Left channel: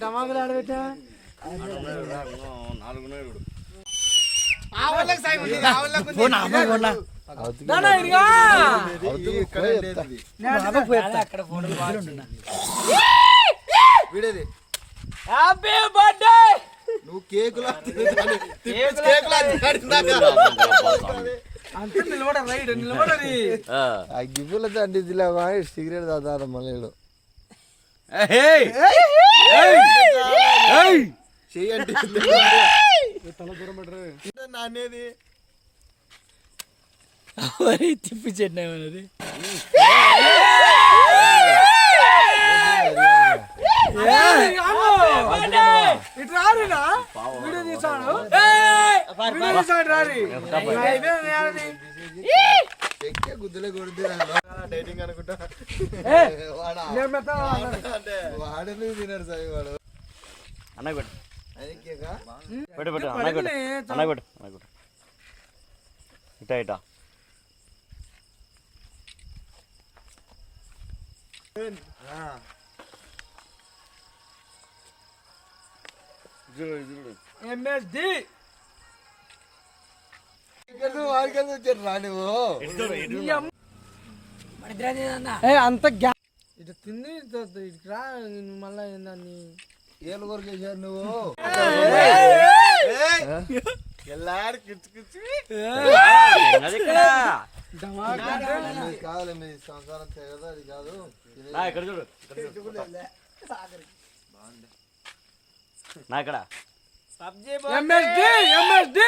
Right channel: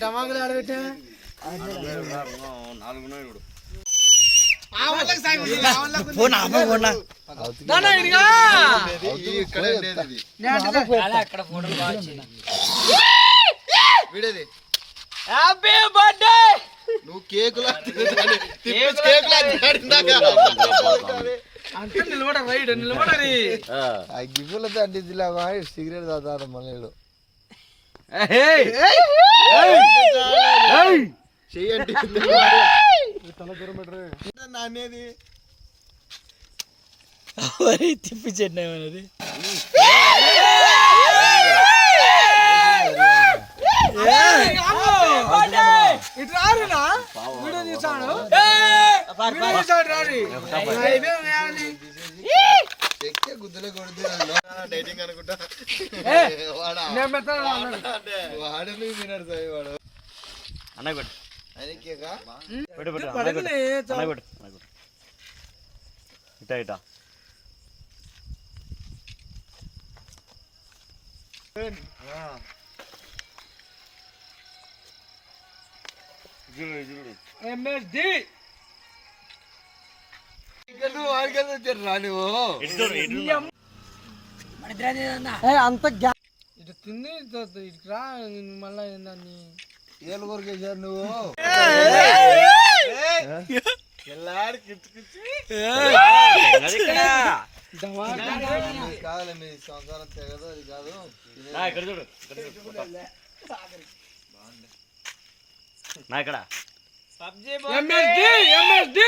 టమాకులు ఆడబెట్టా నాలుగు ఇప్పుడు దానా ఇదిగా వీడేది హ్యాపీ బర్త్డే నువ్వు కేకులా అంత నిలబడ నిలబడరి ఆ. గిఫ్ట్లతో సిగరెట్ తాతారు మళ్ళీ చెయ్యండి. నానేది తిప్పి చెట్టు ఏమన్నది ఇటు రారినా వీడియో తీసాను. వీడియో తీసాడు రారి. ఎక్కే గుద్దలే కొడితే డైటింగ్ అనుకుంటా. వాడా? నేను మెత్తగా అన్నాడు. వాడు తినాడు సాయి వాడు. పెట్టు ఆయనకేగా పెట్టు పెట్టు అన్నయ్య పెట్టు పడకలే, అన్నయ్య పెట్టు అన్నయ్య పెట్టు ఇటా ఇటా. ఎంఎస్డి వాడికి వచ్చారు రా నువ్వు ఏ, అంత ఇటు తిని ఇటు ఇటు రా మళ్ళా ఏందని ఏళ్ళు కొరికేశారు నువ్వు. ఎల్లాడు కిచ్చు కిచ్చు. అది ఇక్కడ మీ కాదులే మీ సంసారం తెగదు అది కాదు. ఇక్కడ చూడు నా ఇక్కడ. MSD MSD